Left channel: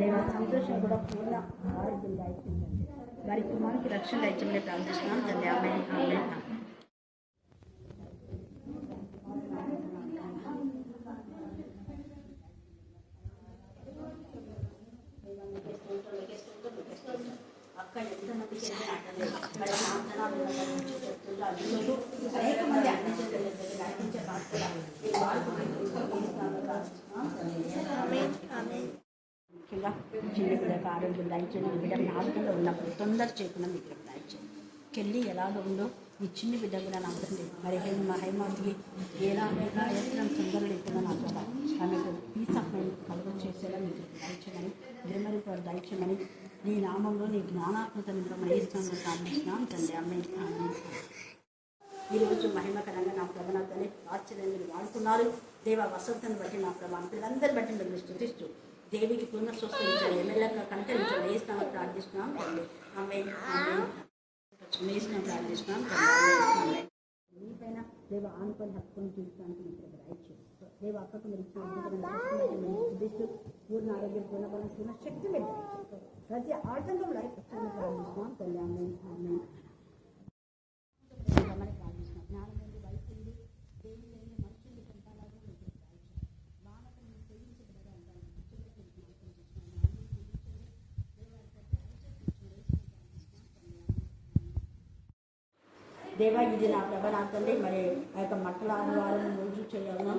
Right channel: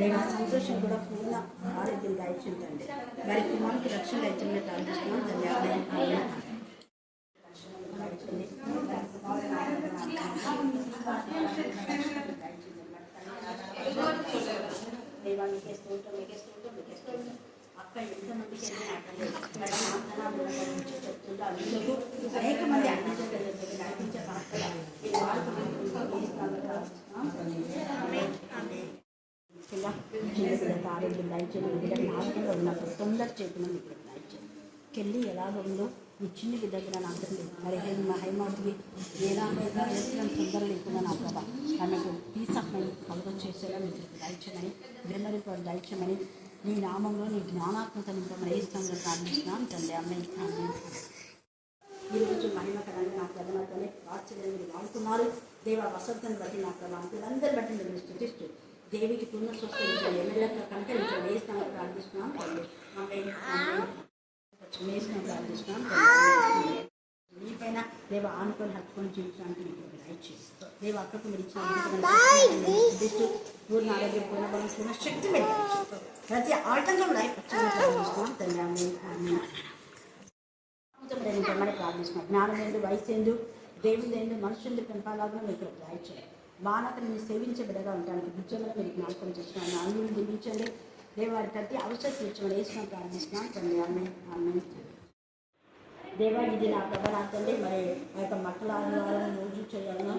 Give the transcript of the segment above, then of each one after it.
దైవ సంతోషం కూడా పూర్ణ ఆరోగ్యం దయచేయండి. వారి కుమారునికి రక్షణ దయచేయమని ప్రార్థిస్తున్నాం తండ్రి. ఆమేన్ ఆమేన్. అక్క ఎంతమందికి అనేక మంది నడిపించే పాత్ర ముఖ్యంగా చిన్న బిడ్డకు ఆరోగ్యం దయచేయండి. బిడ్డ ఆరోగ్యంగా ఉన్నప్పుడు తొందర చేయకుండా మీ బిడ్డకు దయచేయండి. కెళ్ళి ఎలాగ ఉందో ఈ చిన్న బిడ్డ కూడా నా తండ్రి మరి హైమాదికి ఎలాగైనా ఎత్తడం తొందర లేకుండా నా ప్రభా తనకు పీస్ ఆఫ్ మైండ్ కలుగ చేసేలా మీకు దయచేయమని బ్రహ్మరి వారు దయచేయమని నీ నామంలో నీ జ్ఞానాత్మక నిమిత్తం ఏ స్థానంలో ప్రార్థిస్తున్నాం తండ్రి. అమ్మాయి ఈరోజు మహిమకరంగా నా ప్రభా తల్లి ఆశ్చర్యంగా మీరు వాడుతున్నారు. దేవ వసంతను బట్టి నా ప్రభా పిల్లలందరి బట్టి మీరు స్థుతిస్తూ దేవికి పూర్ణ స్వస్థించండి. ఎమ్మెల్యేగా కనకరించండి. ఏ స్థానంలో ప్రార్థిస్తున్నాం తండ్రి. అమ్మాయి ప్రార్థిస్తున్నాం తండ్రి. మీ పైన దేవ ఆనుకొని హత్తుకొని జీవించడానికి మీకు దయచేస్తాం. దేవ అక్కకు మీరు ఇచ్చిన పూర్ణ ఆరోగ్యం పూర్ణ బలం పూర్ణ శక్తి మీరు దయచేస్తాం. ప్రతి ఆటంకం ప్రార్థిస్తున్నాం తండ్రి. ఆమేన్. ప్రార్థిస్తున్నాం. జ్ఞానం ఏందు, వయసు ఏందు, దేవుడు ఏందు, మనుషులు పెంపాలాగా మీకు దయచేయండి. మానవుని మీరు సేవించే బిడ్డగా ఉండడానికి ఉద్యోగంలో మీరు జ్ఞాపకం చేస్తున్నాను. నాలుగు దీవించండి. దేవారి ప్రతి అవసరం ఇచ్చిన వేసుకొని ప్రార్థిస్తున్నాం తండ్రి. ఆమేన్ ఆమేన్. దేవా ఇది నా ప్రభ నా తండ్రి మరి ఆ యొక్క మక్కల ఆదివారం రోజు చేయాలనో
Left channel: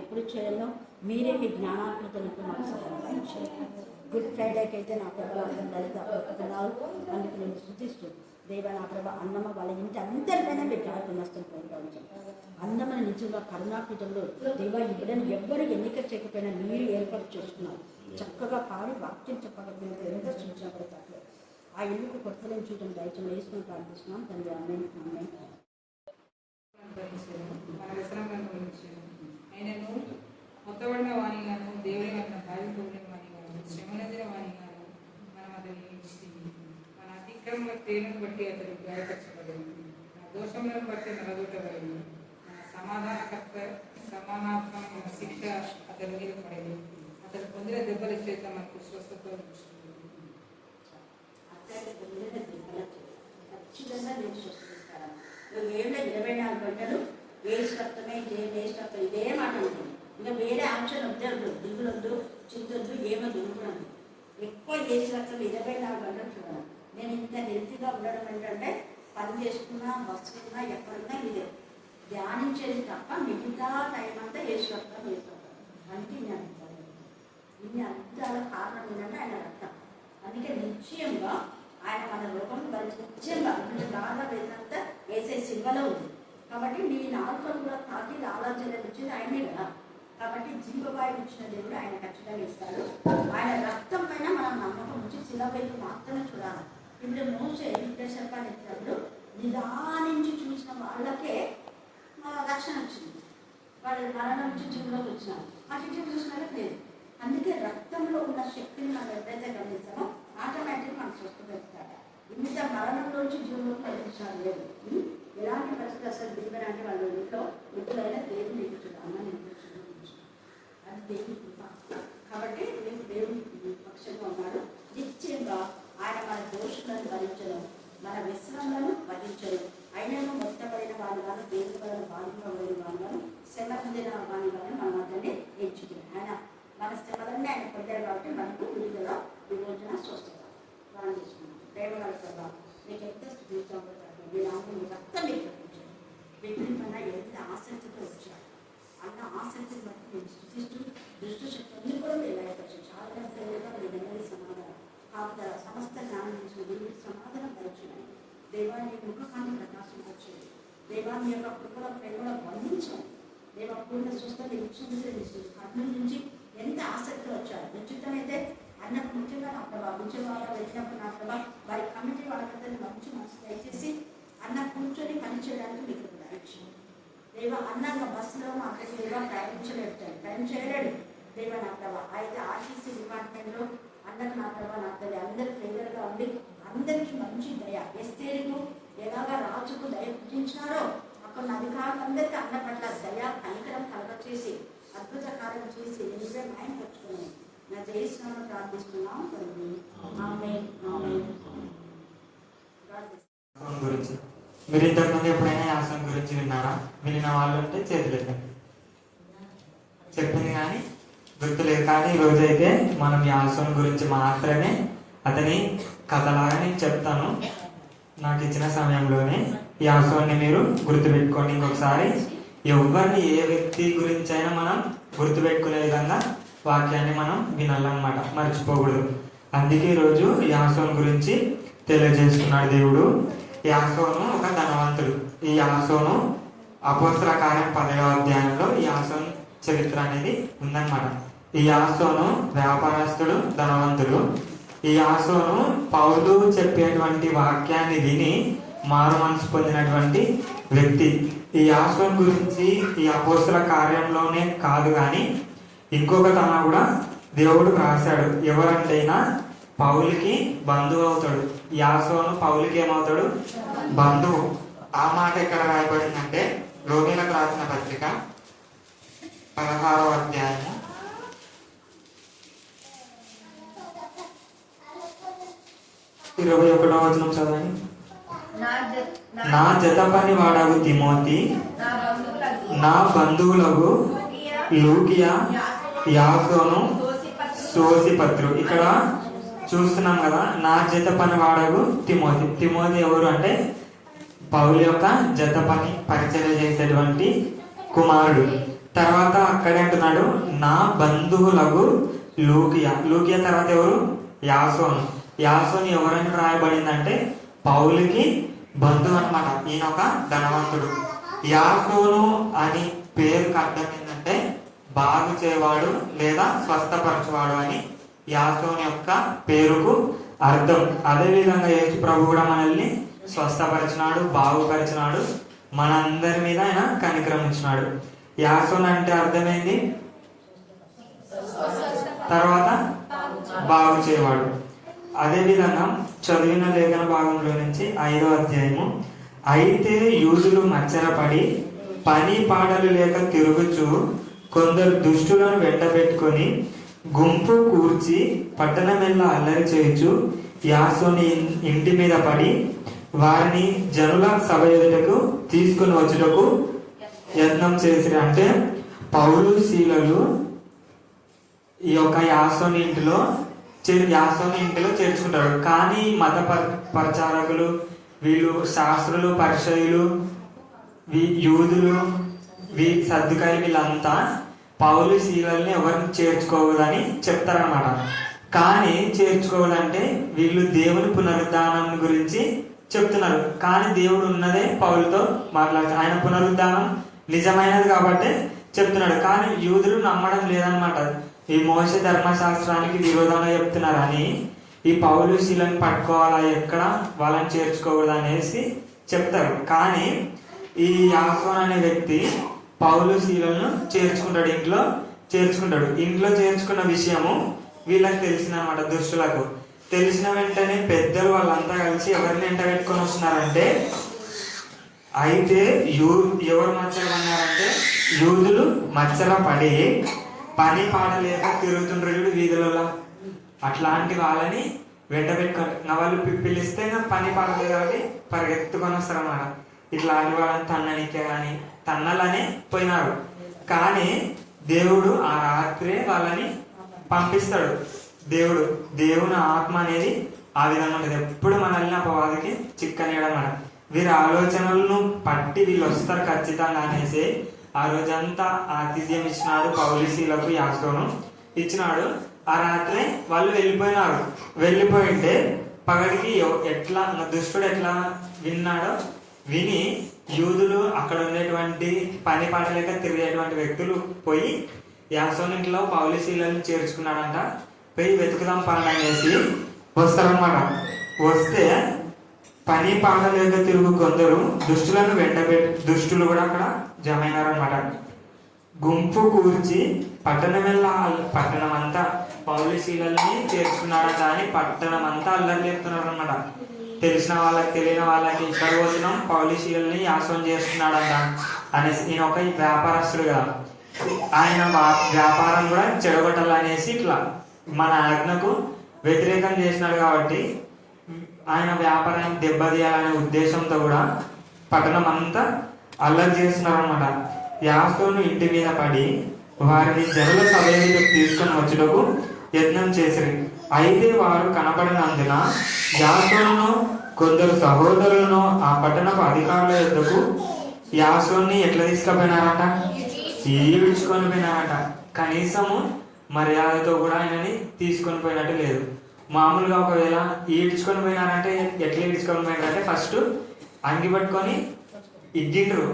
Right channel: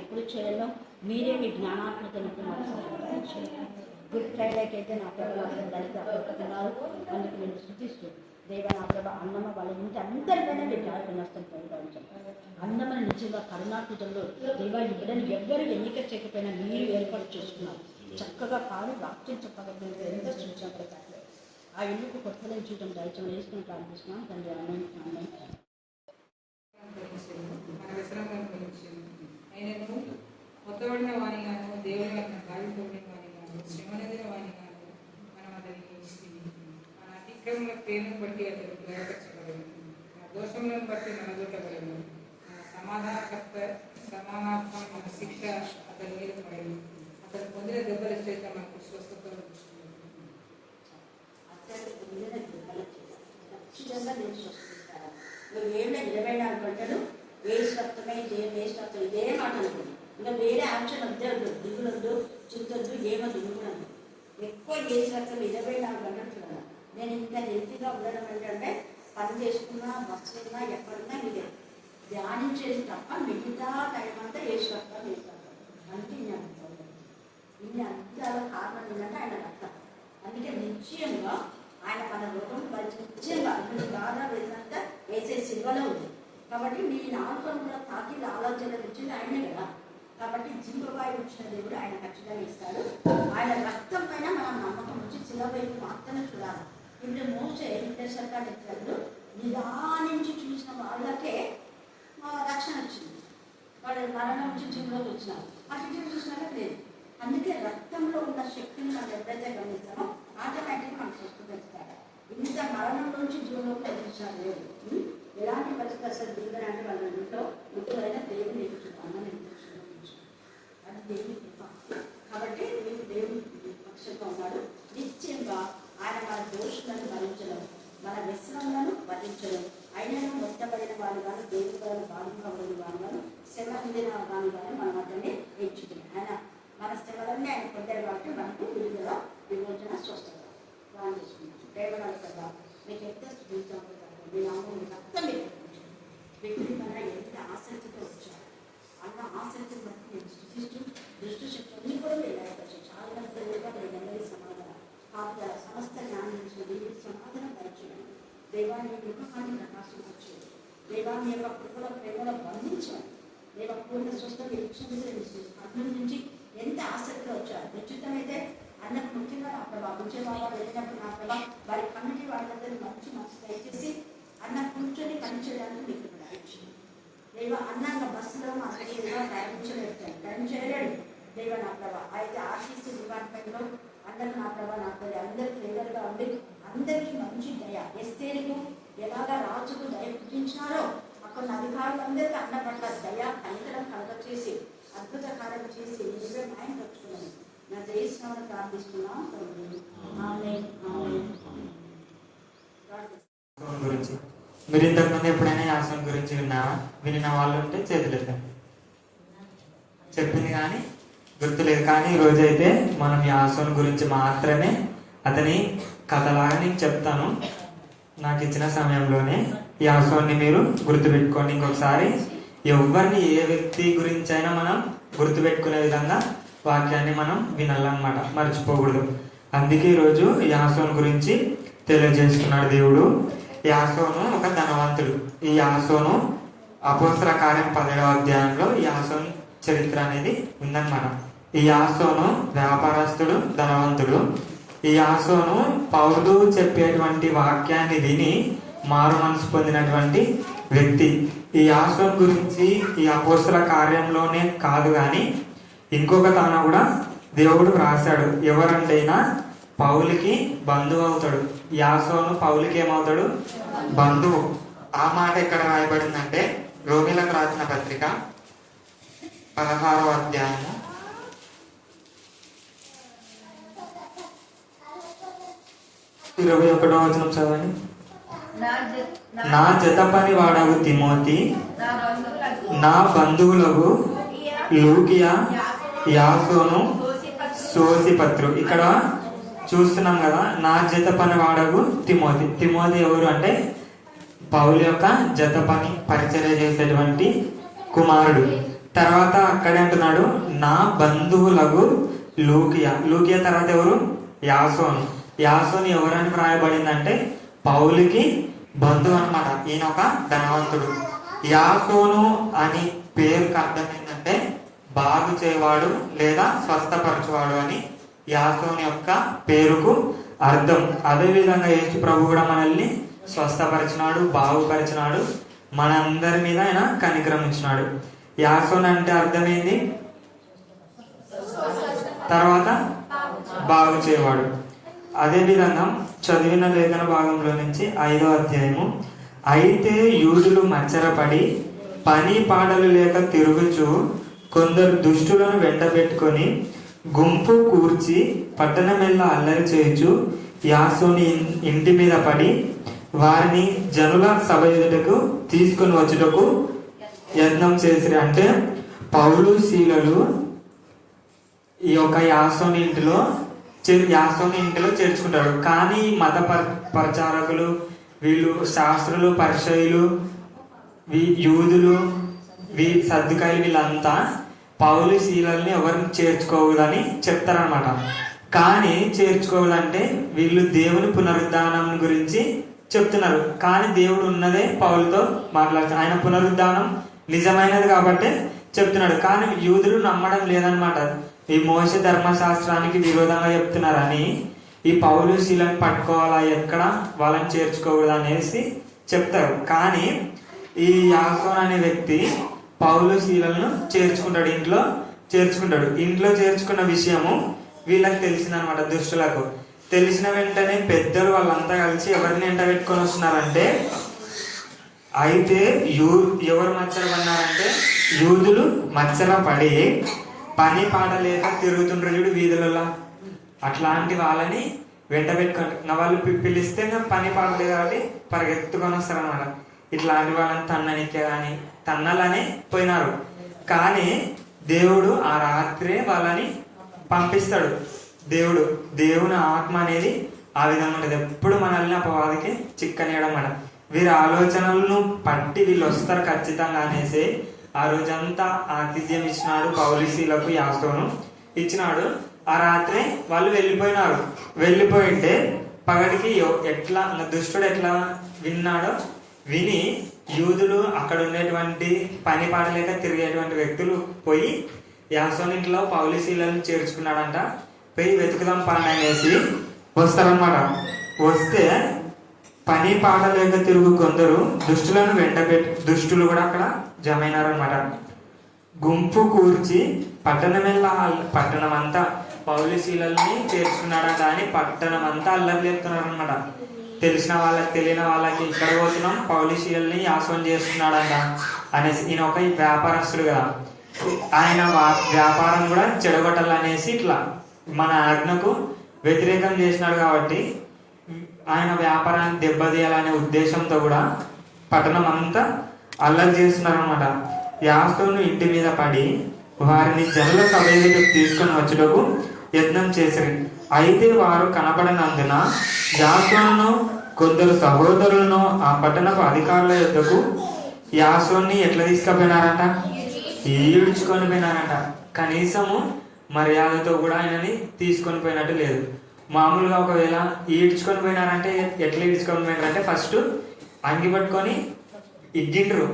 ఎప్పుడు చేయాలో మీరే మీ జ్ఞానాత్మకతను మాకు సహాయం చేయండి. గుడ్ ఫ్రైడేకి అయితే నా ప్రభ లలిత అప్పుతున్నారు. అందుకు నేను శృతిస్తూ దేవ నా ప్రభ అన్నమ్మ వాళ్ళ ఇంటి అందరిపైన మీరు జాగ్రత్త నష్టం పోయించాలి. అన్నమ్మని నిజంగా కరుణాకృతంలో దేవ ఈ బిడ్డను ఎవ్వరు ఎన్నిక చేయకపోయినా మీరు ఏర్పాటు చేసుకున్నారు. చక్కగా పాడి వాక్యం చెప్పగలిగితే ఎంత సూచన పడతారు. ఆ ఇల్లుకు కొత్తలను చూడటం దయచేసి వేసుకుని ప్రార్థిస్తున్నాం తండ్రి. ఆమేన్ ఆమేన్. ఆయనను మొత్తబడిన వాణిగాను దేవుని వలన గాయపడిన వాణిగాను శ్రమనదిన వాణిగాను మనం అతన్ని ఎంచుకుంది. మన అతిక్రమ క్రియలను బట్టి అతడు గాయపరచబడను. మన దోషములను బట్టి నలగొట్టబడను. మన సమానాత్మకమైన శిక్ష అతని మీద పడను. అతను పొందిన దెబ్బల చేత మనకు స్వస్థత వచ్చింది. ఖచ్చితంగా నేను స్వస్థిస్తాను. నువ్వు ఏమైనా 24 గంటలు వేస్ట్ రక్తమే వేస్ట్ రక్తం ఇదే మాట అనుకోండి. ఇంకా వేరే ఆప్షన్ వద్దు, దిగులొద్దు, చింతొద్దు, ఏమో దిగుతుంది. ఎక్కువ వేస్ట్ రక్తం 24 గంటలు చూడాలి. నేను ఇంత హెల్తీగా ఉండడం ఏంటంటే పని చేసుకున్నా, వస్తున్నా, ఎక్కడున్నా ఇదే ధ్యానించేది తప్ప మిగతా టైం అంతా వేస్ట్ రక్తం వేస్తాను. అంటే ఇన్ని అద్భుతాల కారణం ఏంటంటే ఆయన రక్తం. అందుకే నిశ్చయంగా ఆయన మన లోకం నిశ్చయంగా బాగా వేసినంత వేసే సిల్వలో ఉంది. కాబట్టి నీ నాలుగు కూడా తాకి ఆలోచన ఇచ్చింది ఆయనే కదా. కాబట్టి జీవవాయువు ఇచ్చిన దేవుడు ఆయన ఖచ్చితంగా ఇస్తాడు. ఆయన రక్తం పైన మనం నమ్మకం ఉంచి శిలవైపు మాత్రమే చూడాలి. ఇప్పుడు మోసే విదేశకాలు ఇచ్చినప్పుడు నిదానించి చూసిన వాళ్ళకే రక్షణ వచ్చింది. వాళ్ళు మరణం నుంచి జీవులోకి వచ్చినారు. అటు చూసిన వాళ్ళకి లేదు. అందుకే రక్తంలో ఉన్న శక్తిని మనం ఎప్పుడైతే గమనిస్తామో ఆటోమేటిక్గా మనం స్వస్థపరుస్తాడు. ఇంత మరణంలోంచి జీవంలోకి ఎదిరించాలి లేదు. ఎలాంటి పరిస్థితి అసలు దిగుదనంటే వాళ్ళ ఇంట్లో ముఖ్యమైన దేవుని ఎదుర్చున్నాను అది దేవుని కృప. కాబట్టి మీకు దేవుని పక్షంగా ఉన్నాడు. నిశ్చయంగా ఆయన మన దోషులను భరించడం, మన వ్యసనలను భరించడం, ఆయనను మొత్తబడిన వారి కానీ దేవుని పైన బాధ్యత ఉండని వారి కానీ శ్రమ పొందిన వారి కానీ మనం అతన్ని ఎంచుకుని ఆయన మన శ్రమలన్నీ ఆయన పొందారు. కాబట్టి మనకు విడుదల విమోచన స్వస్థత ప్లాన్ చేసుకున్నాం. పేదవాళ్ళ కదా మీకు ఎంత జీవితం రక్తం వ్యక్తి మన ఎంత ఆసక్తితో వచ్చారు అన్న ఆసక్తి బట్టి నేను సృష్టిస్తూ దృష్టి శక్తి అన్ని కూడా వేయవచ్చు. చాలా దేవుడుగా నేను సమాధానం కాదు సమస్త జ్ఞానం నుంచి దేవుడి సమాధానం దయచేయండి. దేవాన్ని ముఖాన్ని ప్రకాశం వచ్చేది. దేవాన్ని యొక్క కృపల ప్రేమలో బంధించాలి. దేవ పూర్ణ స్వస్థత ఇచ్చింది. అగ్ని నుంచి ఎంత ఆసక్తి వచ్చారు. నిశ్చితమైతే అన్నకు ముఖ్యంగా నా ప్రభావ ఉద్యోగాలు వెళ్ళినప్పుడు నా ప్రభావ వారి కమిటీ వాళ్ళందరూ మంచి మనసు దయచేసి అన్న కూర్చొని పనిచేయడానికి మీకు దయచేయండి. దేవ అన్నంగా బస్సులో మా అక్కడికి ప్రయాణించలేడు, టైం చేయలేడు. దేవ నా ప్రభావ అయితే ఆర్టీసీ డిపార్ట్మెంట్లో అన్నకు నా ప్రభావ నా తల్లి అందరూ ఫేవర్గా ఉండి అందరికీ మంచి దయ ఎస్తేరుకు ఎలాగా రాజుకు దయ పుట్టించినారో అక్కడ అధికారులందరికీ అన్న పట్ల దయ కనికరం కలగ చేసి అద్భుత కార్యం చేసి నీవే న్యాయం పట్టుకున్నాను. నా చేస్తున్నామని ప్రార్థిస్తున్నాం తండ్రి. ఆమేన్, ఆమేన్. యాసోను గురించి మీరు ఇంతకుముందు ఎప్పుడైనా యాసోను గురించి విన్నారా? వినిన వాళ్ళు ఉంటే చేతులు చెప్పింది కానీ గుర్తులేదు. కానీ ఈ రోజైతే మనం యాసోను గురించి మాత్రమే అతని కథలాగా నేను చెప్తాను. నాకు ఇచ్చిన సమయంలోనే యాసోన్ని మీరు గుర్తుపెట్టుకోండి. ఇంకొకసారి ఎవరిని ఏ వ్యక్తి గురించి అయినా మనం గుర్తుపెట్టుకునే విధంగా వాక్యాన్ని మనం వినాలన్నమాట, మర్చిపోకూడదు. అందుకే ఈరోజు యాసోను గురించి తెలియజేస్తున్నాడు దేవుడు. యాసోను ఒక ధనవంతుడు. ఈ యాసోను అపోస్తల కార్యం 12వ అధ్యాయంలో ఈ యాసోను చరిత్ర అనేది ఉందన్నమాట. ఈ యాసోను వ్యాపారస్తుడు, ధనవంతుడు. ఈ యాసోను పౌలు చెప్పేటువంటి వాక్యాన్ని విని మారు మనసు పొందినటువంటి వ్యక్తి. ఈ యాసోను గురించి ఈ అపోస్తల కార్యంలోనే కాదు కానీ ఇంకొక తన కూడా దేవుడు రాశాడు. ఎవరంటైనా పౌలుకి బంధువు అవుతాడు. యాసోను పౌలుకి ఏమవుతాడు? బంధువు. ఆ మాట ఎక్కడ రాయబడిందంటే రోమిలకు రాసిన పత్రిక 16వ అధ్యాయము 21వ వచనం చదవండి. నా జత పని వాడగు తిమోతి, నా బంధువులకు లూకియా, యాసోను, సోసిపత్రు. ఇక్కడ చూస్తున్నాం కదా, నా జత పని వాడగు తిమోతి. తిమోతి ఎవరు అంటే పౌలు యొక్క జత పని పరిచయం చేసేటువంటి కుమారుడు. తర్వాత అక్కడే అంటున్నాడు నా బంధువులకు లూకియా. లూకియా తర్వాత ఎవరు? యాసోను. యాసోను ఎవరని రాయబడిందంటే పౌలుకి బంధువు అన్నమాట. ఈయన ఒక ధనవంతుడు. యాసోను అని పేరుకి అర్థం ఏంటంటే బాగు చేయవాడు లేదా స్వస్థపరచువాడు అని యాసోను యొక్క పేరుకు అర్థం. అదే విధంగా యేసు ప్రభు కూడా మనల్ని స్వస్థపరిచినాడు, బాగుపరిచినాడు, మన అందరి మీద ఆయన కనికరం ఇచ్చినాడు. యాసోను అంటే అర్థమైంది, తర్వాత బాగు చేయవాడు. అదే విధంగా చదివిన లేఖన భాగంలో నుంచి 5వ అధ్యాయము, అయితే యూదులు మచ్చరపడి పని పాడలు లేక తిరుగుచు కొందరు దుష్టులను వెంటబెట్టుకొని గుంపు కూర్చి పట్టణమెల్లా అల్లరి చేయుచు యాసోని ఇంటి మీద పడి వారిని జనుల సభ ఎదుటకు తీసుకుని వచ్చుటకు యత్నం చేసిరు. అంటే పౌలు శీలలు ఈ యొక్క యాసోని ఇంటిలో చేర్చుకుంటాడు. కానీ మత ప్రచారకులు, వీళ్ళు శాస్త్రులు, పరిచయులు, యూదులు, సద్దుకాయలు, వీళ్ళంతా పౌలు శీలల్ని ఎవరిని చేర్చుకోకూడదని చెప్తారనమాట. కానీ చేర్చుకోవాలంటే వీళ్ళు దేవుని పునరుద్ధానం గురించి చెప్తున్నారు. కానీ దేవుడు ఉన్నదే పౌలుతో మాట్లాడుతాడు. ఆయన పునరుద్ధానం నిజమైనది కాబట్టి చెప్తున్నాడు. కానీ యూదులు నమ్మడం లేదనమాట. ఈ మోసే ధర్మశాస్త్రానికి విరోధంగా చెప్తున్నారని ఈ పౌలు శీలను పట్టుకోవాలా, ఎక్కడ వాళ్ళని చేర్చుకోకూడదు అనేసి చెప్తారు. కానీ ఈ యాసోను అనే వ్యక్తి పౌలు శీలను చేర్చుకుంటాడు. ఇంట్లో చేర్చుకున్న విషయము వీళ్ళకి తెలిసిందనమాట. దుష్టులకు తెలిసిన వెంటనే పెద్దలు వాళ్ళంతా కలిసి ఎవరిని ఎంట పెట్టుకొని వస్తున్నారంటే, అయితే ఎవరు మచ్చలు పడినారంటే యూదులు మచ్చల పడి పని పాట లేక తిరుగుతుండ్రు వీధులలో. అట్లాంటి వాళ్ళని వెంట పెట్టుకొని వాళ్ళు పిలిస్తే పని పాట లేదు కాబట్టి పరిగెత్తుకొని వస్తారన్నమాట. ఇట్లాంటి వాళ్ళని తన్ననికే కానీ తన్నలనే పోయినారు. కానీ దేవుడు ఆ రాత్రే వాళ్ళని పంపిస్తాడు. దేవుని ఆత్మ అనేది ఆ విధంగా ఉంటుంది. ఎప్పుడు మనల్ని అపవాదికి చిక్కనేయడం మన వీరి ఆలోచనలను పట్టి వీళ్ళు వస్తారు ఖచ్చితంగా అనేసి ఆ రోజంతా ఆతిథ్యం ఇచ్చినాడు. పౌలిసీలకు యాసోను ఇచ్చినాడు. ఆ రాత్రి వాళ్ళు వెళ్ళిపోయినారు. వెళ్ళిపోయింటే పగడికి ఎట్లా దుష్టుడు ఎట్లా విన్నాడో విని యూదులు అక్కడ ఉండేటువంటి పని పాట లేక తిరిగేటువంటి వ్యక్తులు పోయి యాసోను ఇంట్లో పౌలిసీలను చేర్చుకున్నాడంట. పోయి వెతుకుదాం పండి అనేసి వస్తారనమాట. వస్తే పని పాట లేక తిరుగు కొందరు దుష్టులను దుష్టులు కూడా అక్కడ జమైనారనమాట. గుంపు కూర్చి పట్టణం అంతా పౌలిసీలని చేర్చుకున్నాడా కానీ పట్టణం అంతా అల్లరి చెప్తున్నారు అనమాట. తెలిసిన వాళ్ళకి తెలియని వాళ్ళకి ఇక్కడ పోతున్నాం పౌలిసీలని యాసోను చేస్తున్నాడంట అనేసి. ఈయన ఒక వ్యాపారస్తుడు కదా, ఆయన వ్యాపారం కూడా చెడగొట్టాలనేసి ఇట్లా మన ఆజ్ఞకు వ్యతిరేకం చేసినాడు కాబట్టి ఆయన వ్యాపారాన్ని దెబ్బతీయాలనే ఉద్దేశంతో కూడా పట్టణం అంతా అల్లరి చేస్తున్నారు అనమాట. యాసోను ఇంటి మీద పడి వారిని జనుల సభ ఎదుటకు తీసుకుని వచ్చుటకు యత్నం చేశారు. అయితే వారు కనపడనందున యాసోనును కొందరు సహోదరులను ఆ పట్టణపు అధికారుల యొద్దకు యాసోన్ని ఎట్లా తీసుకుపోయినారట? ఈడ్చుకొని పోయినారట. కనీసము మర్యాదతో కూడా ఆయనని తీసుకొని పోయినట్టు లేదు. మామూలుగా ఒకవేళ ఈడ్చుకొని పోయినారంటే ఎట్లా ఈడ్చుకొని పోయినారంటే ఫస్ట్ అంగి పట్టుకొని ఇగ్గిండ్రు.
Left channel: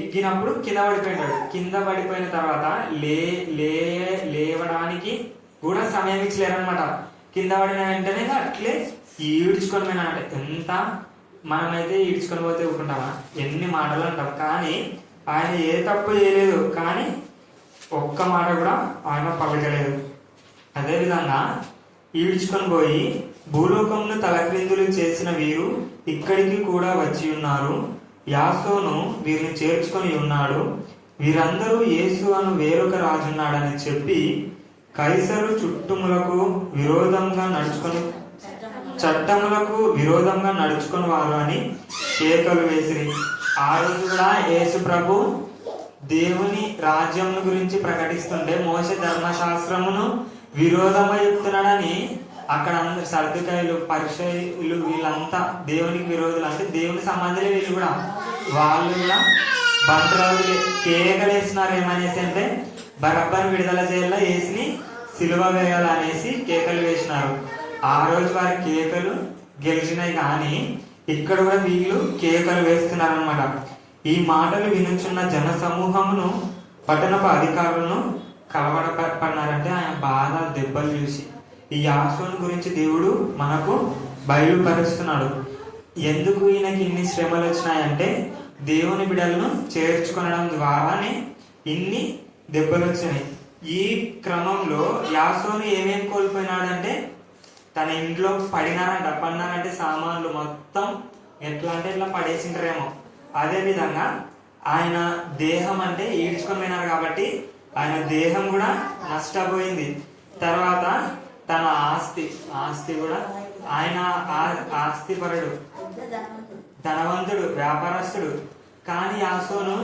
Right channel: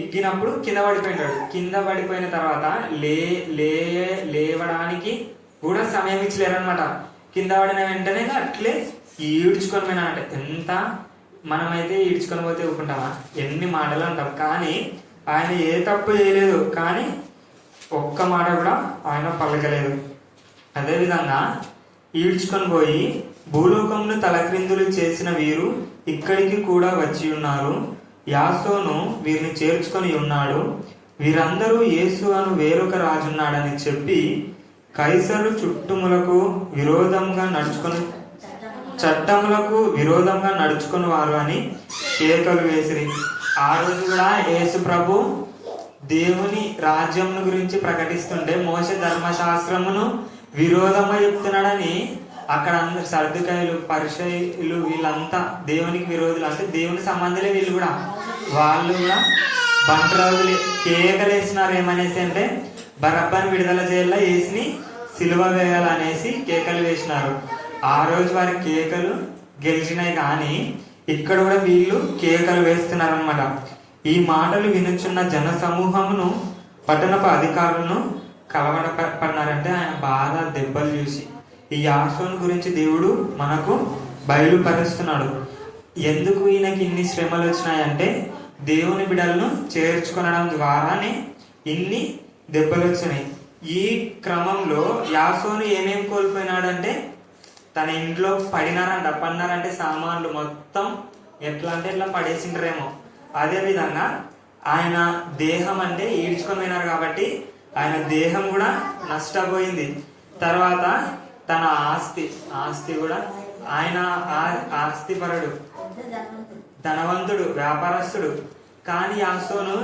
ఇగ్గినప్పుడు కింద పడిపోయినాడు. కింద పడిపోయిన తర్వాత లేవడానికి కూడా సమయం ఇచ్చలేరనమాట. కింద పడిన వెంటనే అట్లే ఈడ్చుకొని పోయినాడంట. ఎంత మనమైతే ఈడ్చుకొని పోతే ఊరుకుంటామా? ఎన్ని మాటలు అంటాం. కానీ ఆయన ఏ తప్పు చేయలేదు, కానీ ఒక్క మాట కూడా ఆయన పలకలేదు. అదేవిధంగా ఈడ్చుకొని పోయి భూలోకమును తలక్రిందులు చేసిన వీరు ఇక్కడికి కూడా వచ్చి ఉన్నారు. యాసోను వీరిని చేర్చుకొని ఉన్నాడు. వీరందరూ యేసు అను వేరొక రాజున్నాడని చెప్పి కైసరు చట్టములకు విరోధంగా నడుచుకుని వారు అని కేకలు వేసిరి. ఆ రోజు కూడా యేసు ప్రభు దేవుని రాజ్యం గురించి ప్రకటిస్తుంటే మోసే ధర్మశాస్త్రమును విరోధంగా చెప్తున్నాడని అక్కడ అందరు సర్దుకాయలు పరిచయులు వీళ్ళంతా దేవునికి విరోధులు, అంటే దేవుని సంబంధులే వీళ్ళు కూడా. వాళ్ళు కూడా బంట్రాజులు కేకలేసినారు. ఏమనేసి అంటే బరబ్బను విడుదల చేయాల, యేసుని సిలువ వేయాలనేసి కేకలు వేసినారు. ఆ రోజు వారి కేకలు గెలిచినాయి. కానీ ఇక్కడ కూడా వీళ్ళు కేకలు వేస్తున్నారు అనమాట. ఈ మాటలు వినుచున్న జన సమూహమును పట్టణపు అధికారులను కలవడపడినారంటే ఆయన బాధ దెబ్బలు చూసి. ఈ యాసోను గురించి దేవుడు మనకు బయలుపరుస్తున్నాడు. ఎందుకు ఈయనకి ఇన్ని శ్రమలు వచ్చినాయంటే దేవుని బిడ్డలను చేర్చుకొనడం ద్వారానే ఇన్ని దెబ్బలు వచ్చినాయి. ఈ క్రమంలో యాసోను ఏమేం కోల్పోయినాడంటే తన ఇంట్లో పడినారంటే సామాన్లు మొత్తం ఎట్లా అంటే ఇట్లా పడేసిండ్రేమో. అదే విధంగా ఆయన దేహం అంటే ఈడ్చుకొని పోయినారు కాబట్టి ఆయన దేహం కూడా నష్టపోయింది. తర్వాత తన ఆస్తి కూడా, ఆయన ఆస్తిపరుడు, ధనవంతుడు, వ్యాపారస్తుడు. కానీ యాసోను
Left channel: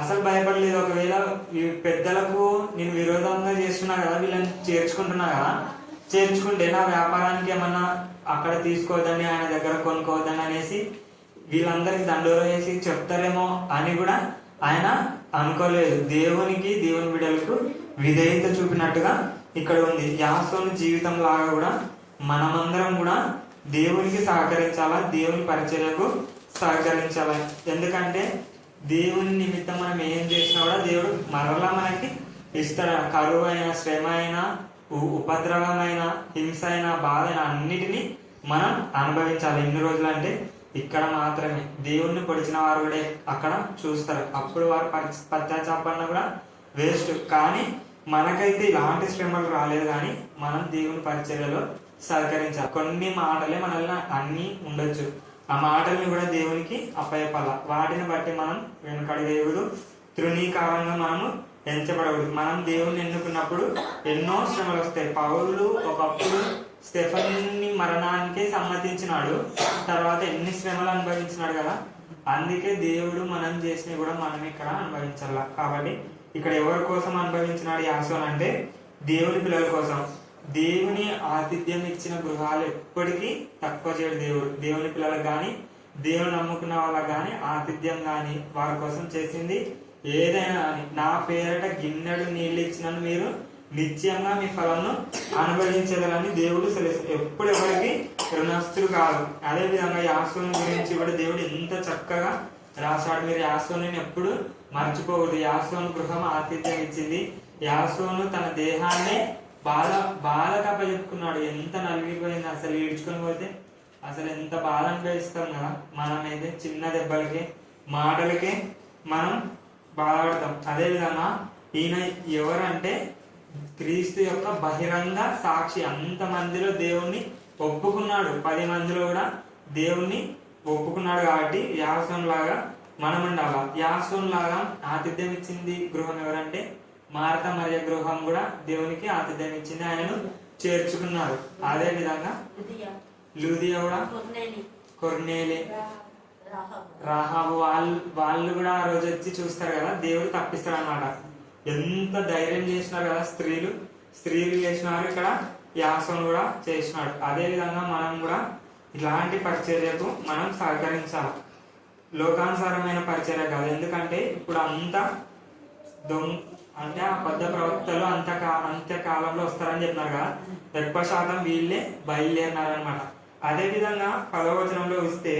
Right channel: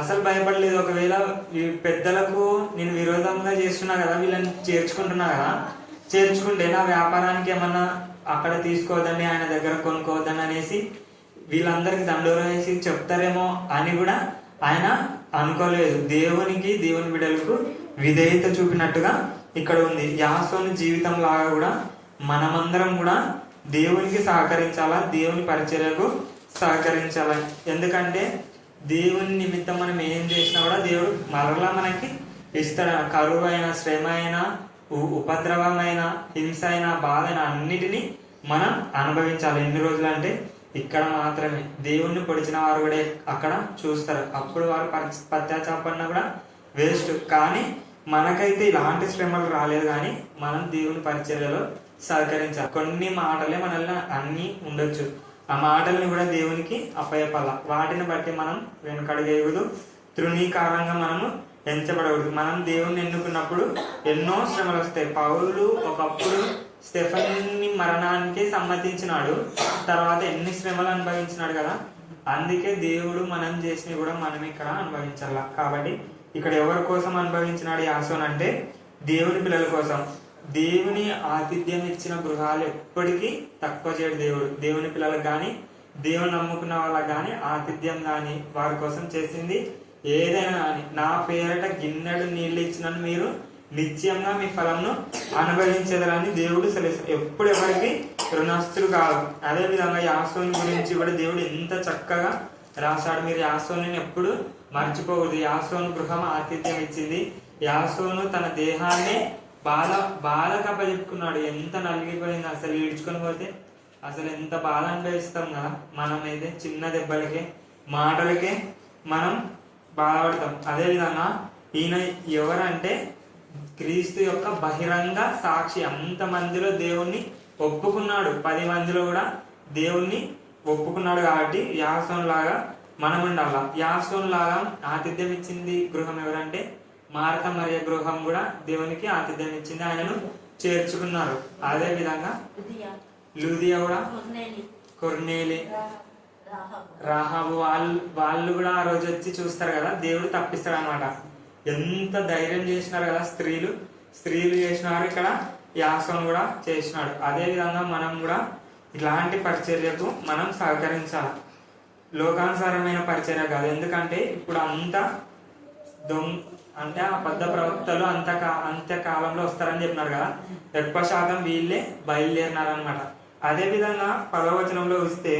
అసలు భయపడలేదు. ఒకవేళ ఈ పెద్దలకు నేను విరోధంగా చేస్తున్నా కదా, వీళ్ళని చేర్చుకుంటున్నా కదా, చేర్చుకుంటే నా వ్యాపారానికి ఏమన్నా అక్కడ తీసుకోవద్దని, ఆయన దగ్గర కొనుక్కోవద్దని అనేసి వీళ్ళందరికి దండోర వేసి చెప్తారేమో అని కూడా ఆయన అనుకోలేదు. దేవునికి, దేవుని బిడ్డలకు విధేయత చూపినట్టుగా ఇక్కడ ఉంది. యాసోను జీవితం లాగా కూడా మనమందరం కూడా దేవునికి సహకరించాలా, దేవుని పరిచర్యకు సహకరించాలా. ఎందుకంటే దేవుని నిమిత్తం మనం ఏం చేసినా కూడా దేవుడు మరలా మనకి ఇస్తాడు. కరువు అయినా, శ్రమ అయినా, ఉపద్రవమైన, హింస అయినా, బాధ అయినా అన్నిటినీ మనం అనుభవించాలి. ఎన్ని రోజులు అంటే ఇక్కడ మాత్రమే. దేవుణ్ణి పొడిచిన వారు కూడా అక్కడ చూస్తారు. అప్పుడు వారు పశ్చాత్తాపడినా కూడా వేస్ట్. కానీ మనకైతే ఇలాంటి శ్రమలు రాలేదు. కానీ మనం దేవుని పరిచర్యలో సహకరించాలి. కొన్ని మాటలే మనల్ని అన్ని ఉండొచ్చు. ఆ మాటల్ని కూడా దేవునికి అప్పయపాల. వాటిని బట్టి మనం వెనుకడగేయకూడదు, తృణీకారంగా మనము ఎంచబడకూడదు. మనం దేవుణ్ణి ఎన్నుకున్నప్పుడు ఎన్నో శ్రమలు వస్తాయి. పౌలు ఒకప్పుడు స్టెఫెన్ని మరణానికి సమ్మతించినాడు, తర్వాత ఎన్ని శ్రమలు అనుభవించినాడు కదా. అందుకే దేవుడు మనం చేసినవి కూడా మనం ఇక్కడ అనుభవించాల. కాబట్టి ఇక్కడ ఎవరి కోసం అనుభవించినాడు యాసోన్ అంటే దేవుని పిల్లల కోసం. దేవుని ఆతిథ్యం ఇచ్చిన గృహాలు ఎప్పటికీ తక్కువ చేయడు దేవుడు. దేవుని పిల్లలకు కానీ, దేవుని నమ్ముకున్న వాళ్ళకి కానీ ఆతిథ్యం కానీ వారి కోసం చేసింది ఏదైనా కానీ, నా పేరట గిన్నెడు నీళ్లు ఇచ్చినను మీరు నిత్యంగా మీ ఫలంను అనుభవించగలని దేవుడు సెలవు. ఎప్పుడు ఎవరికి రుణస్తులు కాదు. అదే విధంగా యాసోను గురించి కూడా దేవుడు ఎంత చక్కగా రాశాడు. మీరు యాసోను ఎప్పుడు మర్చిపోకూడదు. యాసోను గృహం ఆతిథ్యం ఇచ్చింది. యాసోను తన దేహాన్ని బాధ కప్పచెప్పుకున్నాడు. ఎంత నలిగిపోయింది అసలు. ఈడ్చుకొని పోతే అసలు ఎంత బాధ అనుభవిస్తాం కదా. మనమైతే చిన్న దెబ్బలకి, మాటలకే మనం బాధపడతాం. అదే విధంగా ఈయన ఎవరంటే క్రీస్తు యొక్క బహిరంగ సాక్షి. అంత మందిలో దేవుణ్ణి ఒప్పుకున్నాడు. 10 మందిలో కూడా దేవుణ్ణి ఒప్పుకున్నాడు. కాబట్టి యాసోను లాగా మనం ఉండాల. యాసోను లాగా ఆతిథ్యం ఇచ్చింది గృహం ఎవరంటే మార్త మరియ గృహం కూడా దేవునికి ఆతిథ్యం ఇచ్చింది. ఆయనను చేర్చుకున్నారు. అదే విధంగా లూదియా కూడా, కొర్నేలి, రాహాబు వాళ్ళు కూడా ఆ రోజు వచ్చి చూస్తారు కదా, దేవుడు తప్పిస్తాడు అనమాట. ఎంత ధైర్యం చేసినారు కదా స్త్రీలు చేసినారు, ఇక్కడ యాసోను కూడా చేసినాడు. అదే విధంగా మనం కూడా ఇలాంటి పరిచర్యకు మనం సహకరించాలి. లోకానుసారమైన పరిచర్య కాదు. ఎందుకంటే ఇప్పుడు అంతా అంటే అబద్ధ ప్రవక్తలు అంత్యకాలంలో వస్తారని చెప్పినారు కదా, ఎక్కువ శాతం వీళ్ళే బయలుదేరినారనమాట. అదే విధంగా 10వ వచనంలో వస్తే,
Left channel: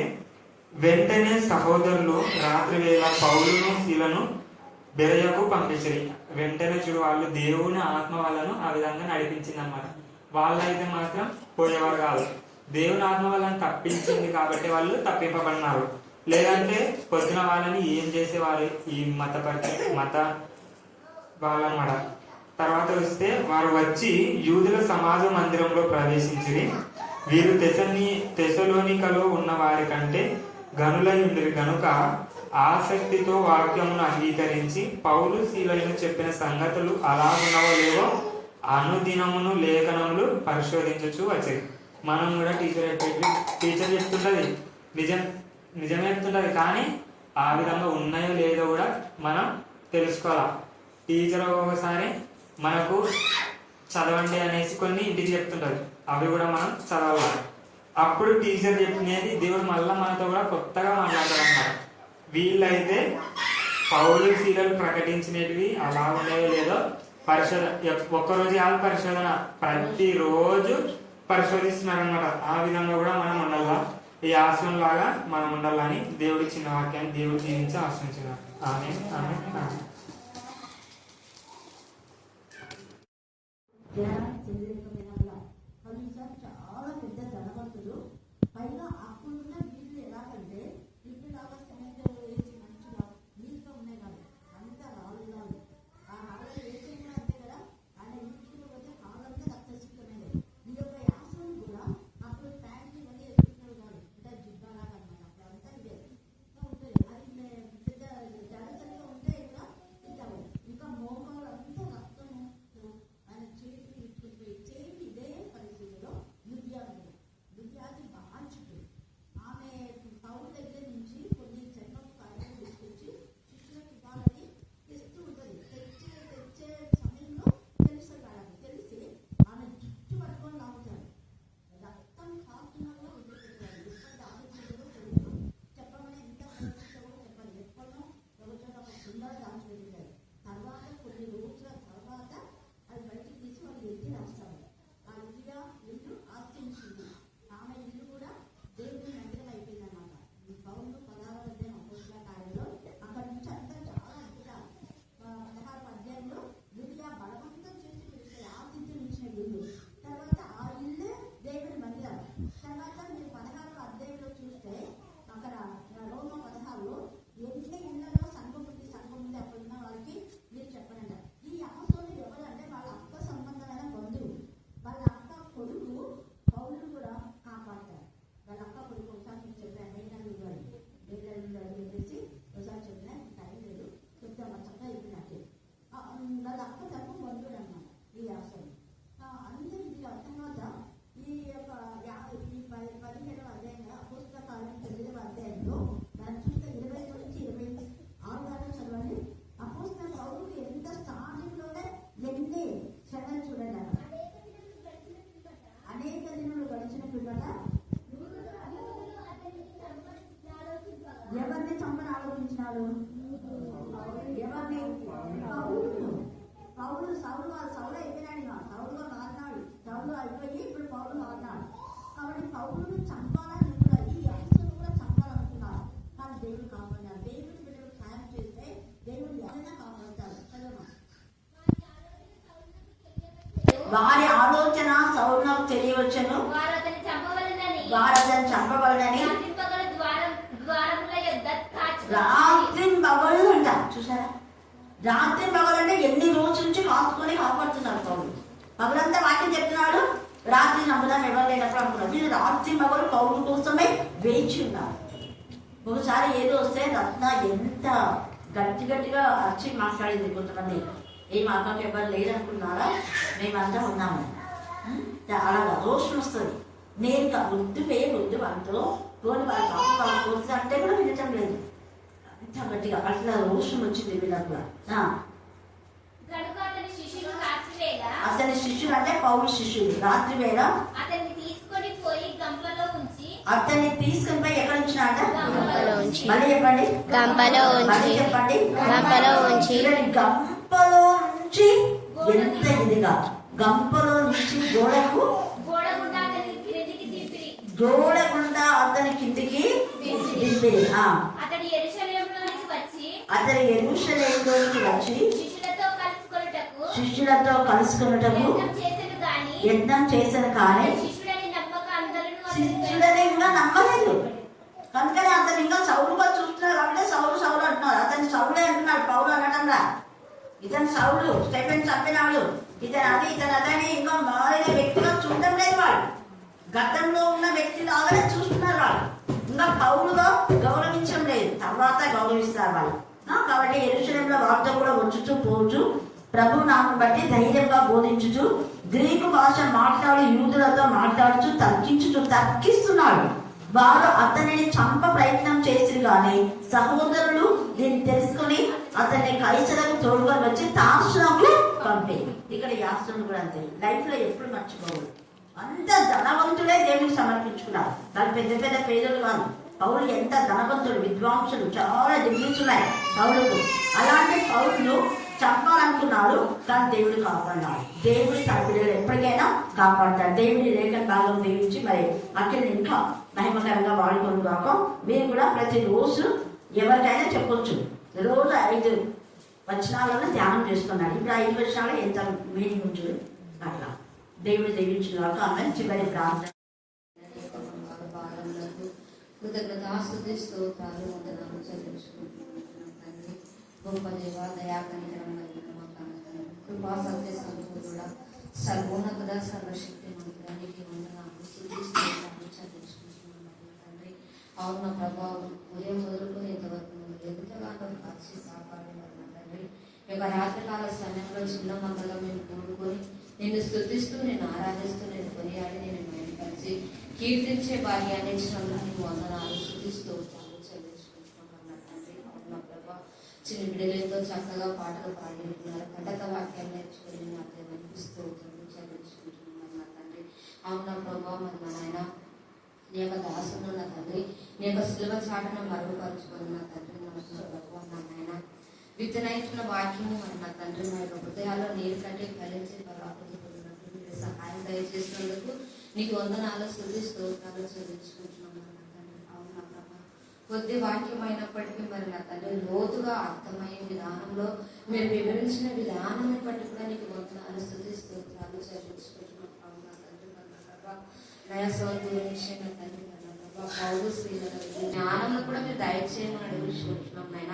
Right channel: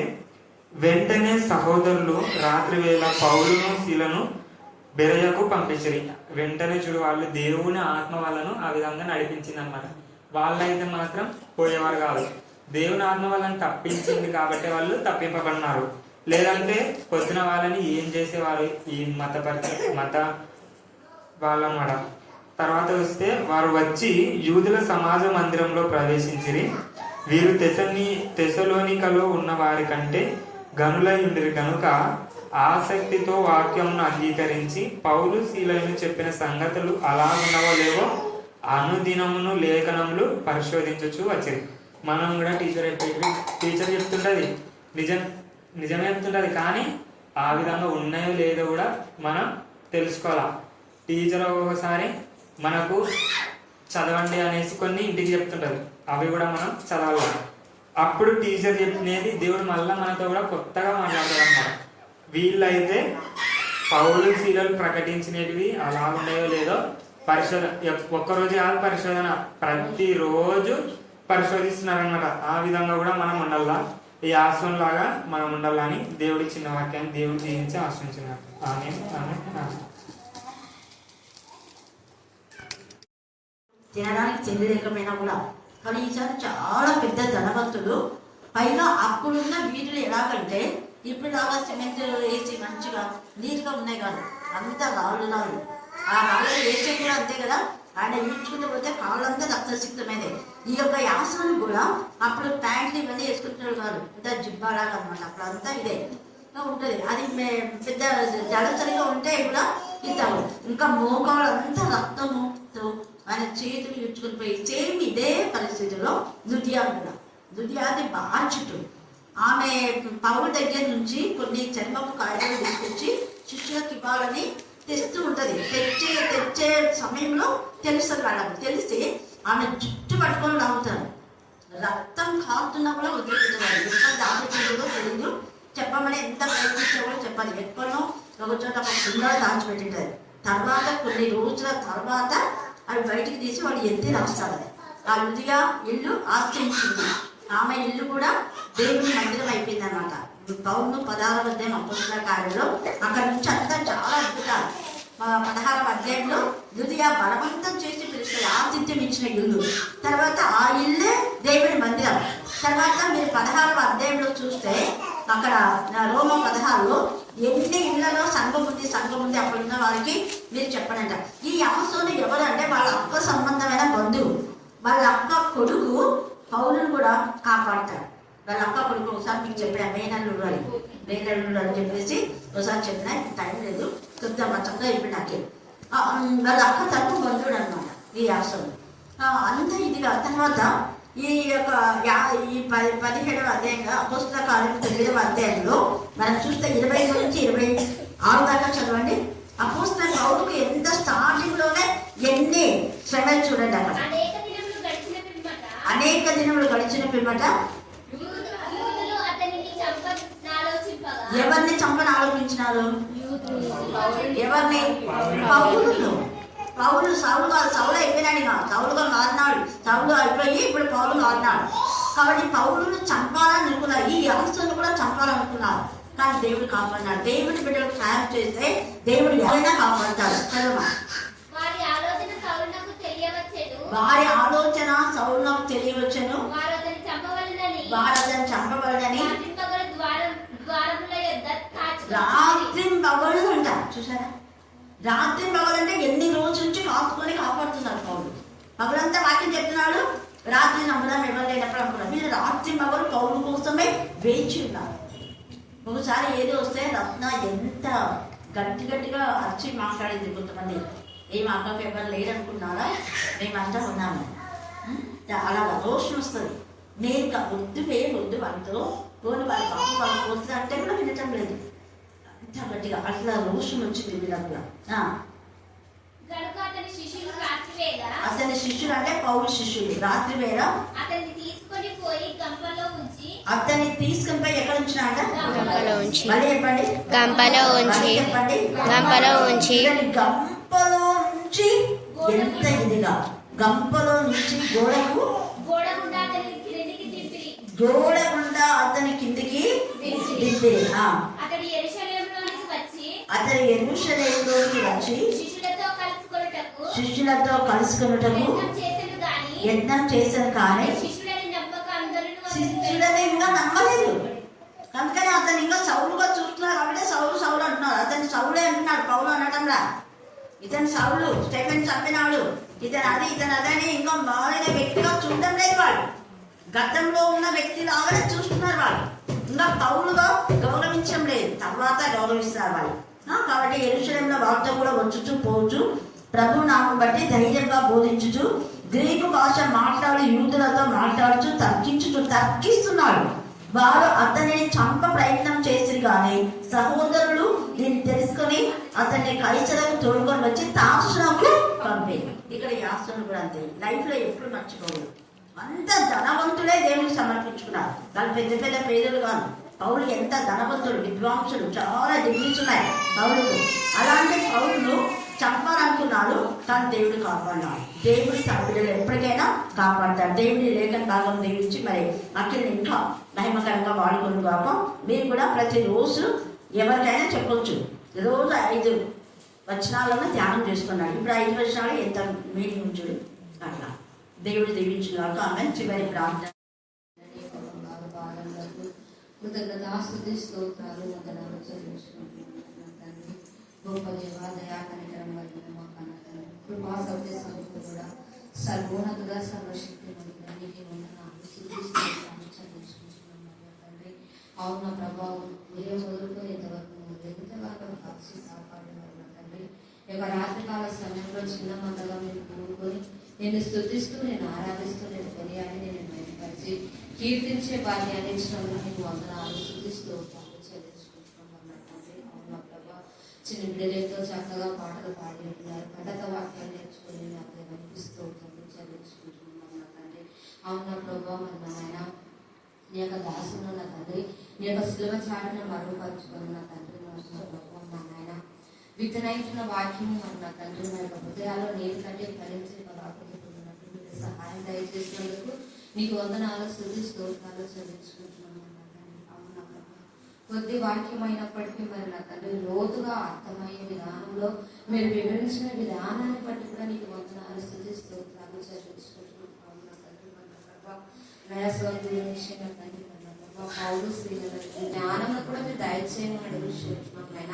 వెంటనే సహోదరులు రాత్రి వేళ పౌలును శీలను బెరయకు పంపించారు. వెంటనే చూడు, వాళ్ళు దేవుని ఆత్మ వాళ్ళను ఆ విధంగా నడిపించింది అనమాట. వాళ్ళైతే మాత్రం పోయేవారు కాదు. దేవుని ఆత్మ వాళ్ళని తప్పించింది కాబట్టి వాళ్ళు తప్పింపబడినారు. లేదంటే పొద్దున వాళ్ళని ఏం చేసేవారు ఈ మత వాళ్ళనమాట. తర్వాత వస్తే, వారు వచ్చి యూదుల సమాజ మందిరంలో ప్రవేశించిరి. వీరు తెసలోనికలో ఉన్న వారి కంటే గనులై ఉండిరి కనుక ఆసక్తితో వాక్యమును అంగీకరించి పౌలు శీలను చెప్పిన సంగతులు అలా ఉన్నవో లేవో అనుదినమును లేఖనములు పరిశోధించచ్చు వచ్చేది. మనం కూడా టీచర్ చెప్తుంటది, నిజమే చెప్తుంటది, కానీ ఆ విధంగా ఉన్నాయో లేదో కూడా మనం తెలుసుకోవాలా. టీచర్ ఒక్కొక్కసారి మనకు చదవండి అనేసి కొన్ని ఇంటికి చెప్తుంటది, అవి కూడా మనం చదవాలి. అప్పుడు టీచర్ చెప్పినది దేవుడు మళ్ళా మనతో కూడా కొత్తగా మాట్లాడతాడు అన్నమాట. వీళ్ళైతే పౌలు శీలలు ప్రకటించినవి అలా ఉండేవో లేదో ఒక్కరోజు కాదు పరిశోధన, ప్రతిరోజు పరిశోధిస్తున్నారు అనమాట. ఆ విధంగా కూడా మనం ఉండాలా, ఈ ఆశ్రమం లాగా మనం ఉండాలని దేవుడికి చిన్న వాక్యాన్ని దేవుడు దీవించి ఆశ్రయించినారు. తినడానికి చెల్లి లేకపోయినా కూడా, కానీ ఈసారి చాలా పెద్ద ధనవంతుడు. పైగా అప్పుడున్న వీధులు ఎలాగంటే ఇప్పుడు లాగా సిమెంట్ వేసి మంచిగా నీట్గా ఉన్నాయి కాదు, అంతా రాళ్ళు. ఆ రాళ్ళు వేసే కూడా అంతే కదా, ఆయన ఈడ్చుకుంటూ పోతే కాళ్ళంతా రక్తసిక్తమైనది. ఈ యొక్క యాసనం కూడా అప్పుడు ప్యాంట్లు ఇవన్నీ వేసుకుంటున్నారు కాదు, ఇంత జిబ్బాలాగా అనమాట. అప్పుడు అంతా ఇదే ఉంటుంది. అది పెద్ద జలసరిగా ఉంటే కూడా ఇద్దాము. ఇంకా మోకాళ్ళంతా రక్తముతో ఆయన చేతులు ఈడ్చుకుని పోయి, సేమ్ ఇదే పరిస్థితిలో లుదియాది బాగా చుట్టూ. ఆమె పౌరు దగ్గర నుంచి కొన్ని చర్మపు కాయలు తీసుకొచ్చి శిష్యులకు ఇవ్వాలని తెస్తూ ఉంటుంది. తెచ్చే సమయంలో తెలుస్తుంది వాళ్ళకి. తెలిసి ఆమె జుట్టు పట్టుకొని లాగుతారు. రక్తం కారుతున్నా కూడా వదిలిపెట్టేవారు. ఎక్కడ దాచిపెట్టిందో తెలియదు, చెప్పమని ఎంత ప్రయత్నించినా కూడా చెప్పాలి. ఎక్కడో ఒక చోట ఒక కుండ దాచిపెట్టింటారు. తర్వాత కొన్ని రోజుల తర్వాత అవి బయటికి తీసి వాళ్ళు ఎత్తి రాస్తారు. ఆ లుదియా ఇల్లు ఆశ్రయించింది. ఆమె ఇల్లు కూడా దేవుని మందిరం అయిపోయింది అనమాట. పౌలు 16వ అధ్యాయం అపోస్తల కార్యంలో అక్కడ నుంచి అంతా చాలా అద్భుతాలు. 16వ అధ్యాయంలో లుదియా బలవంతం చేసి పిలుస్తుంది, ఆతిథ్యం ఇచ్చిన ఇల్లు. తర్వాత ఆ ఇల్లే దేవుని మందిరం. తర్వాత మీరు 16వ అధ్యాయంలో చూస్తే అక్కడ రోమ 16లో ఎన్ని ఇళ్లలో సంఘం ఉంది అప్పుడున్న వారికి మీరు చెప్పనంట. ఈ యాసోను ఎవరంటే వాళ్ళ అక్క సంబంధమైన బంధువు. వాళ్ళ అక్క కొడుకు పౌలును కూడా కాపాడతాడు. వాళ్ళ అక్క కొడుకు ఒకసారి మీకు చెప్పిన మేనల్లుడు అని చెప్పేసి ఒకసారి చెప్పిన, టైం లేదు, చెప్తామా చక్కగా ఇప్పుడు నాకే. వాళ్ళ అక్క తరపు బంధువుడు అనమాట ఈ యాసోను. అంత ఇదిగా తర్వాత ఈ యొక్క 17వ అధ్యాయంగా అపోస్తల కార్యం 9వ అధ్యాయంలో మనం చూస్తే 20 నుంచి 26 దాకా చదవండి. అపోస్తల పౌలుకు ఎంత స్టార్టింగ్ లోనే ఎన్ని శ్రమలు చూడండి. అక్కడ అనేక దినములు గడిచిన పిమ్మట ఎవరిని చంపని ఆలోచించినారు? ఎవరిని? పౌలు సౌలు అయిపోయినాడు. సౌలుగా మారినాడు. సౌలు అయిపోయి ఇప్పుడు పౌలు మారినాడు. కాబట్టి పౌలును చంపాలని అనుకున్నారు. ఈ అవస్థను కూడా చంపాలనుకున్నారు. కానీ దేవుడు కాపాడినాడు. దేవుడి బిడ్డలకు సాయం చేస్తే దేవుడు ఎవరైనా కాపాడతాడు. చదవమా. వారి ఆలోచన సౌలునకు తెలియవచ్చును, వారు అతను చంపవలనని రాత్రి పగలు అంట. చూసారా, రాత్రి పగలంటే ఎన్ని రోజుల నుంచి కాపుకొని కాపాడుతున్నారు పౌలు. పగలంతా వాక్యం చెప్తున్నాడు, రాత్రి చంపడం ఎవరు లేనప్పుడు అనుకున్నారు. వీళ్ళు రాత్రి పగలు పౌలు కోసమే వేచి ఉన్నారు. ఒకసారి ఏదో వస్తే రత్న ఎంత గట్టిగా అరిచి మాట్లాడింది. కొంతమంది ఏం అక్కకు ఎవరు లేరనుకున్నారా, మేమంతా ఉన్నాము. చాలా రోషం వస్తుంది. నేను వద్దు వద్దు వాళ్ళతో పోని వాళ్ళ పాప వాళ్ళు పోతుంది అంటే కూడా వినటం లేదు. అంత గట్టిగా అట్లా రోషం వచ్చింది వీళ్ళకు. అతని శిష్యుడు అంటే పౌలు శిష్యుడు రాత్రి వేళ అతన్ని తీసుకొని పోయి ఎక్కడ ఉంచినాట? మళ్ళీ చెప్పండి. గంపలో ఉంచి గంపలో నుంచి ఎంత ఇదిగా గంపలో నుంచి గోడ గుండా అతని కిందికి దింపిరి. అతడు యెరూషలేములోకి వచ్చి శిష్యులతో కలుసుకొనుటకు యత్నం చేశాను, కానీ శిష్యులని ఇంకా నమ్మలేదు. కనుకనే అతను ఇంకా సౌలుగా చూస్తున్నారు కాబట్టి సౌలు అంటున్నారు. అతని సౌలే అంటున్నాడు, పౌలు అనటంలా. ఇతను సౌలు స్టెఫెన్ చంపినాడు, ఇతను అదని ఇంకా మారిన వ్యక్తిగా చూడటం లేదు. వాడు గతంలో ఉన్న వ్యక్తి లాగానే చూస్తున్నారు. వాళ్ళు ఇంకా పౌలుగా గౌరవించడం లేదు, తర్వాత గౌరవిస్తారు వాళ్ళు. కాబట్టి యెరూషలేములో వాళ్ళతో కూడా వచ్చుచు పోచు ప్రభు నామం బట్టి ధైర్యంగా బోధించుచు గ్రీకు భాష మాట్లాడి యూదులతో మాట్లాడుచు తర్కిస్తున్నాడు. వారు అతనిని చంప ప్రయత్నం చేసి కానీ సహోదరులు దీన్ని తెలుసుకుని అతన్ని కైసరకు తోడుగా వచ్చి తార్సునకు పంపేది. ఇక్కడ యాస్త్రులు కూడా అంతే, లైఫ్ లో ఎప్పుడు మర్చిపోదు. అంత ధనవంతులే దేవుడికి సమర్పించుకున్నారు. వాళ్ళు పెద్ద పెద్ద పేదలు కాదు. పౌలు ఎంత ధనవంతులు, విద్వాంసులు, చాలా డిగ్రీస్ ఉన్నాయి పౌలుకు. అలాంటి పౌరులు చంపాలనుకున్నాడు, కానీ దేవుడు కాపాడాడు. దేవుడి సభ్యులు ఎప్పటికైనా కాపాడతాడు. దేవుడి లేఖన భాగం దీవించి మరి అక్కడ ఇంకా మహిమకరంగా వాడుకుని కాక మీరు కూడా ప్రతిరోజు ఎవరికైనా చెప్పొచ్చు. రోజు 5 వచనాలను ధ్యానం చేసుకున్నాడు. ఇప్పుడు 5 వచనాలు ఎంత మీనింగ్ ఉంచుడు అట్లా దేవుడు దీవించిన కాక. ఆమె చివరి ప్రార్థన. కృతజ్ఞతాస్తుతి స్తోత్రాలు వందనాలు చెల్లించుకుంటున్నాను తండ్రి. గొప్ప దేవ, దయా కనికరం కలిగిన మా కన్నతండ్రి, కృపా సత్య సంపూర్ణ సర్వోన్నత సర్వశక్తి మనకి వందనాలు స్తుతి స్తోత్రాలు చెల్లించుకుంటున్నాను తండ్రి. అవున ప్రభావం ఉదయం వదులుకొని ఇంతవరకు ఎంతగానో కాచి కాపాడిన తండ్రి. ఈ యొక్క రాత్రికాల సమయంలో చిన్న మందగా మేము కూడుకొని నిన్ను స్తుతిస్తూ, నేను ఆరాధిస్తూ, నేను కొనియాడి, నేను మేలుపరిచి కీర్తించే భాగ్యాన్ని ఇచ్చినందుకు నీకు వందనాలు స్తుతిస్తూ చెల్లించుకుంటున్నాను తండ్రి. అవునా ప్రభా, చిన్న బిడ్డలతో చక్కగా పాటలు పాడి ఉంటున్నారు, కథక వాక్యాలు నేర్చుకుని నాకు వినిపిస్తూ చెల్లించుకుంటున్నాను తండ్రి. అవునా ప్రభా, మరి మా నాయన నీ యొక్క దాసును నా తండ్రి, నీ యొక్క సులభ చాటును మరుగుపరుచుకుని నా తండ్రి నా నాయన విత్తనైతున్న వాక్యము మరి నా తండ్రి నా యొక్క హృదయాల్లో నీరు కట్టి ఫలించి పరాపడిపోయినట్టు మీరు సహాయం దయచేసినందుకు నీకు వందనాలు స్తుతి స్తోత్రాలు చెల్లించుకుంటున్నాను నా తండ్రి. అవునా ప్రభా, కొద్ది వాక్యం అయినప్పటికీ మరి నా తండ్రి లోతుగా అర్థమయ్యే విధానంలో మీరు వివరించిన విధానాన్ని బట్టి కూడా నీకు వందనాలు స్తుతి స్తోత్రాలు చెల్లించుకుంటున్నాను. అవునా తండ్రి, మన ప్రభా నయాసవంతుల విషయంగా తండ్రి పౌరు స్త్రీల జ్ఞానంలో కూడా మీరు దయచేయమని అడుగుతున్నాం నాయన.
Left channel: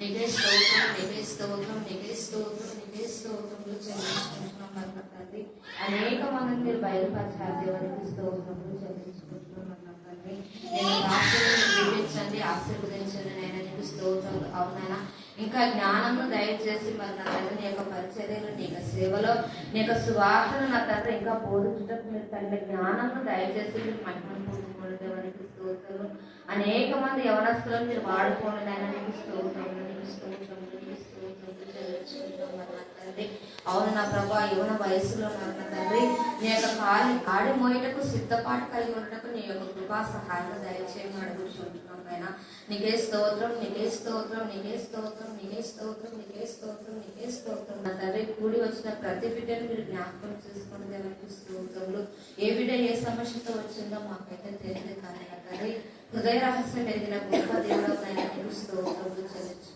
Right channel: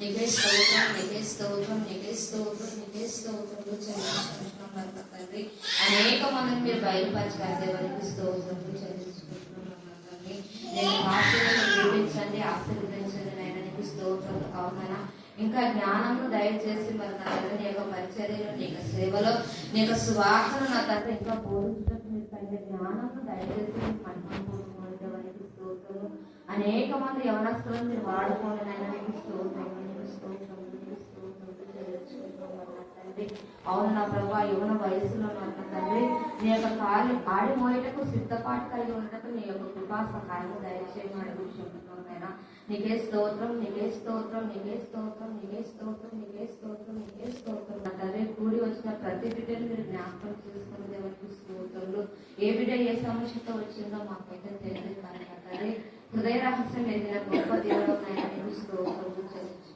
నీకే స్తోత్రం, నీకే స్తోత్రం, నీకే స్తోత్రం, నీకే స్తోత్రంలో చెల్లించుకుంటున్నాం మన తండ్రి. అనేక మందిని మీరు బయలుపరిచారు దేవునికి స్తోత్రంలో చెల్లించుకుంటున్నాం మన తండ్రి. నేను దీవించండి, ఆశీర్వదించండి నాయన, నీకు స్తోత్రం. అవునైనా ఇంకా జ్ఞానము దయచేసి మరి నా తండ్రి నీ యొక్క పరిచర్యలో, నీ యొక్క సేవలో, నీ యొక్క సువార్తను నా తండ్రి ఇంకా బోధించటం మీరు తండ్రి జ్ఞానము దయచేసి మీకు మహిమను పొందుకోండి దేవునికి స్తోత్రం. అనేక మంది యవనస్తులను మీరు వాడుకోండి నాయన, నీకు స్తోత్రం, నీకు స్తోత్రం, నీకు స్తోత్రం చెల్లించుకుంటాం నా తండ్రి. అవును నా ప్రభా, యువన వయసులో నా తండ్రి నీ యొక్క కాడి మోయటకు సిద్ధపాటు కలిగి ఉండటకు నీ యొక్క కృపా సహాయం దయచేయమని అడుగుతుంటున్నాం నాయన. నీకే స్తోత్రం, నీకే స్తోత్రం, నీకే స్తోత్రం, నీకే స్తోత్రం, నీకే స్తోత్రం, నీకే స్తోత్రం నా తండ్రి. కూడి వచ్చిన ప్రతి బిడ్డను మీరు జ్ఞాపకం చేసుకుని దేవునికి స్తోత్రములు. ఏ బిడ్డ ఏ సమస్యతో వచ్చిందో మాకైతే తెలియదు కానీ నా తండ్రి హృదయ రహస్యం ఎదిగిన గొప్ప దేవుడు స్తోత్రములు చెల్లించు